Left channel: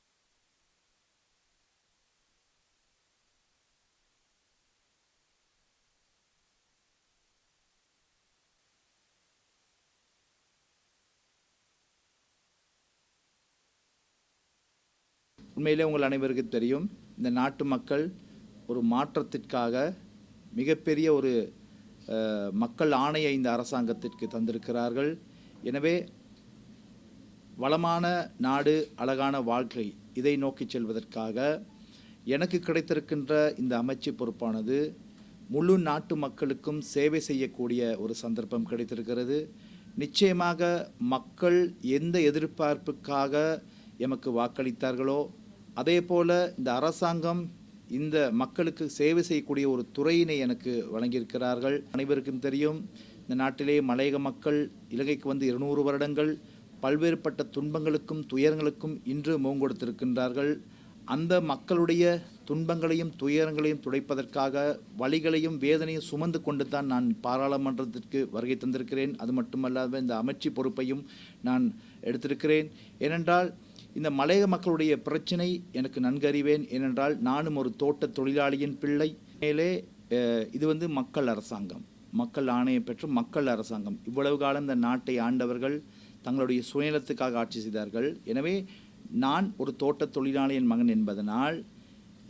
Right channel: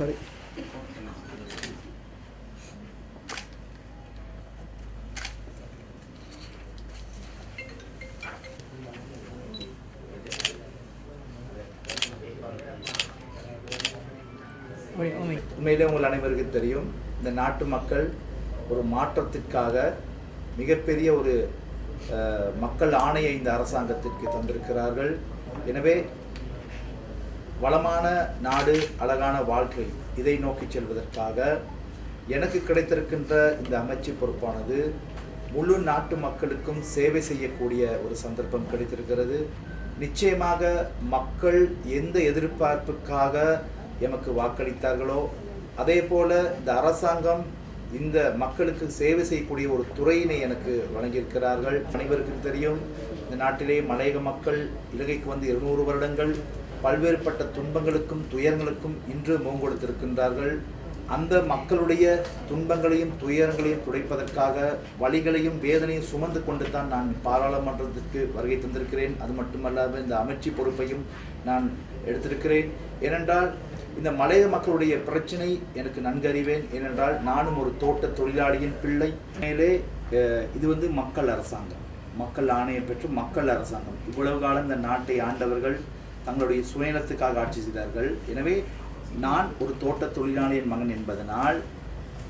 Sorry. உண்மையிலே உங்கள் அனைவருக்கும் தெரியும் இந்த நாட்டு மக்கள் ஒரு மாற்றத்திற்காக மிகப்பெரிய ஒரு மக்கள் ஆணையை இந்த அரசாங்கத்திற்கு தந்திருக்கிறார்கள். எனவே வளமான நாடு அழகான வாழ்க்கை. இதை நோக்கி செல்வதற்காக எனக்கு கிடைத்திருக்கின்ற இந்த அமைச்சு பொறுப்பானது முழு நாட்டு மக்களுக்கும் சேவை செய்யக்கூடிய ஒரு சந்தர்ப்பம் கிடைத்திருக்கிறது. நிச்சயமாக மக்கள் எந்த எதிர்பார்ப்புக்காக எமக்கு வாக்களித்தார்களோ அதே போல இந்த அரசாங்கம் இந்த மக்களுக்கு சேவை செய்யக்கூடிய ஒரு துறையினை எனக்கு வழங்கியிருக்கிறார்கள். அனைவருக்கும் தெரியும் இந்த நாட்டிலே மலையக மக்கள் இலங்கைக்கு வந்து இருநூறு வருடங்கள் பல்வேறுபட்ட துன்பங்களுக்கும் துயரங்களுக்கும் இன்று முகங்கொடுத்திருக்கின்றார்கள். அந்த மக்களுடைய துன்பங்களையும் துயரங்களையும் துடைப்பதற்காக வழிகளையும் வேதனையும் சுமந்து கொண்டு தான் நான் பாராளுமன்றத்திற்கு வருகை தந்திருக்கிறேன். அது மட்டுமல்லாமல் இந்த அமைச்சு பொறுப்பையும் நான் எடுத்திருக்கிறேன். ஏனென்றால் இந்த மலைய மக்களுடைய பிரச்சனை எனக்கு நன்கு அறிவேன் ஏனென்றால் நானும் ஒரு தோட்ட தொழிலாளியின் பிள்ளை. மேலே இது வந்து மக்கள் அரசாங்கம். மக்கள் ஆணையம் பெற்று மக்கள் அரசாங்கம். இவ்வளவு காலம் இந்த நாட்டை ஆண்டவர்கள் தங்களுடைய சுயநலத்துக்காக ஆட்சி செய்தார்கள். எனவே நான் ஒரு தோட்ட தொழிலாளியின் மகன் என்பதனால்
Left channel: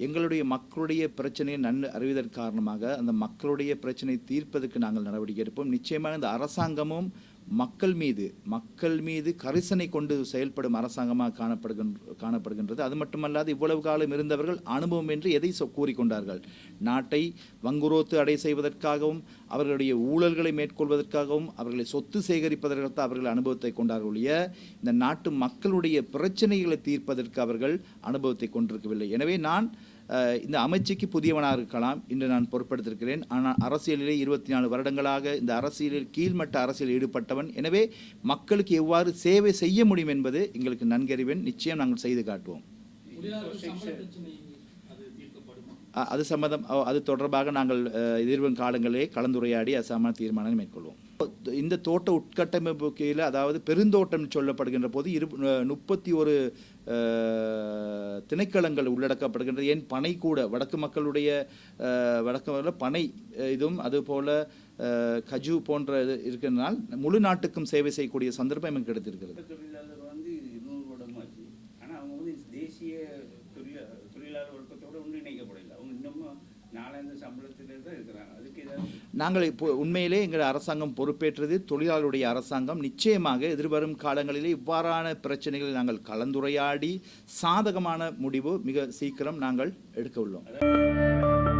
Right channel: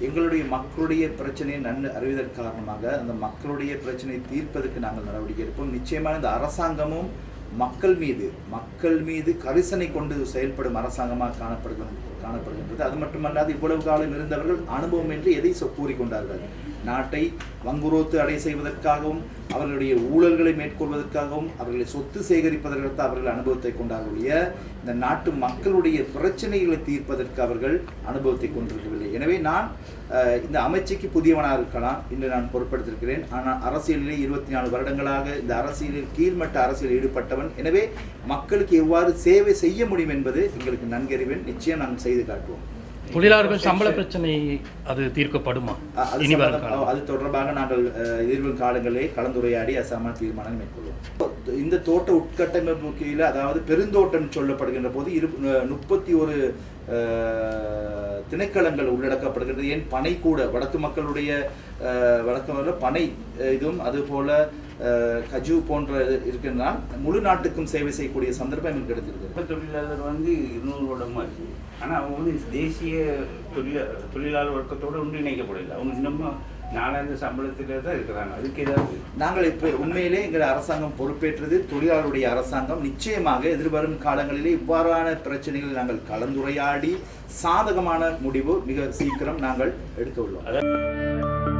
எங்களுடைய மக்களுடைய பிரச்சனையை நன்கு அறிவதன் காரணமாக அந்த மக்களுடைய பிரச்சனையை தீர்ப்பதற்கு நாங்கள் நடவடிக்கை எடுப்போம். நிச்சயமாக இந்த அரசாங்கமும் மக்கள் மீது மக்கள் மீது கரிசனை கொண்டு செயல்படும் அரசாங்கமாக காணப்படுகின் காணப்படுகின்றது. அது மட்டுமல்லாது இவ்வளவு காலம் இருந்தவர்கள் அனுபவம் என்று எதை சொ- கூறிக்கொண்டார்கள்? நாட்டை வங்குரோத்து அடை செய்வதற்காகவும் அவர்களுடைய ஊழல்களை மேற்கொள்வதற்காகவும் அவர்களை சொத்து சேகரிப்பதற்கு அவர்கள் அனுபவத்தை கொண்டார்களுடைய இந்த நாட்டு மக்களுடைய பிரச்சனைகளை தீர்ப்பதற்கு அவர்கள் அனுபவத்தை கொண்டிருக்கவில்லை. எனவே நான் இந்த அமைச்சிக்கு புதியவனாக இருக்கலாம் இன்று நான் பொருட்படுத்திருக்கிறேன் ஆனால் அரசியலிலே இருபத்தி நாலு வருடங்களாக இந்த அரசியலில் கீழ்மட்ட அரசியலில் ஈடுபட்டவன் எனவே மக்களுக்கு எவ்வாறு சேவை செய்ய முடியும் என்பது எங்களுக்கு நன்கறிவேன். நிச்சயம் நாங்கள் செய்து காட்டுவோம். தொழிலாளர்கள் சம்பள பிரச்சனை அது தீர்க்கப்படுமா? அது தொடர்பாக நாங்கள் எதிர்வரும் காலங்களிலே கலந்துரையாடி அசாமான தீர்மானம் மேற்கொள்வோம். இந்த தோட்ட உட்கட்டமைப்பு கீழே அதாவது பெருந்தோட்டம் சொல்லப்படுகின்ற போது இரு முப்பத்தி ஒரு திணைக்களங்கள் உள்ளடக்கப்படுகின்றது. ஏன்? பனை கூட வடக்கு மக்களுடைய வடக்கு பனை இதுவும் அதுபோல கஜு போன்ற இருக்கின்றால் முழு நாட்டுக்கும் சேவை செய்யக்கூடிய சந்தர்ப்பம் எனக்கு கிடைத்திருக்கிறது. இப்ப தொழிலாளர் வந்து இருநூறு வருடமா இருக்கு ஆனா அவங்க வந்து தேசிய தொழில தொழிலாளர் வர்க்கத்தோட ஒன்றிணைக்கப்படல அவங்க இன்னமும் நாலாயிரம் சம்பளத்துல தான் இருக்கிறாங்க. அதுக்கு ஏதாவது நாங்கள் இப்போ உண்மையிலே எங்கள் அரசாங்கம் பொறுப்பேற்றது தொழிலாளருடைய அரசாங்கம். நிச்சயமாக எதிர்வரும் காலங்களிலே இவ்வாறான பிரச்சனைகளை நாங்கள் கலந்துரையாடி சாதகமான முடிவு மிக சீக்கிரம் நாங்கள் எடுக்க உள்ளோம்.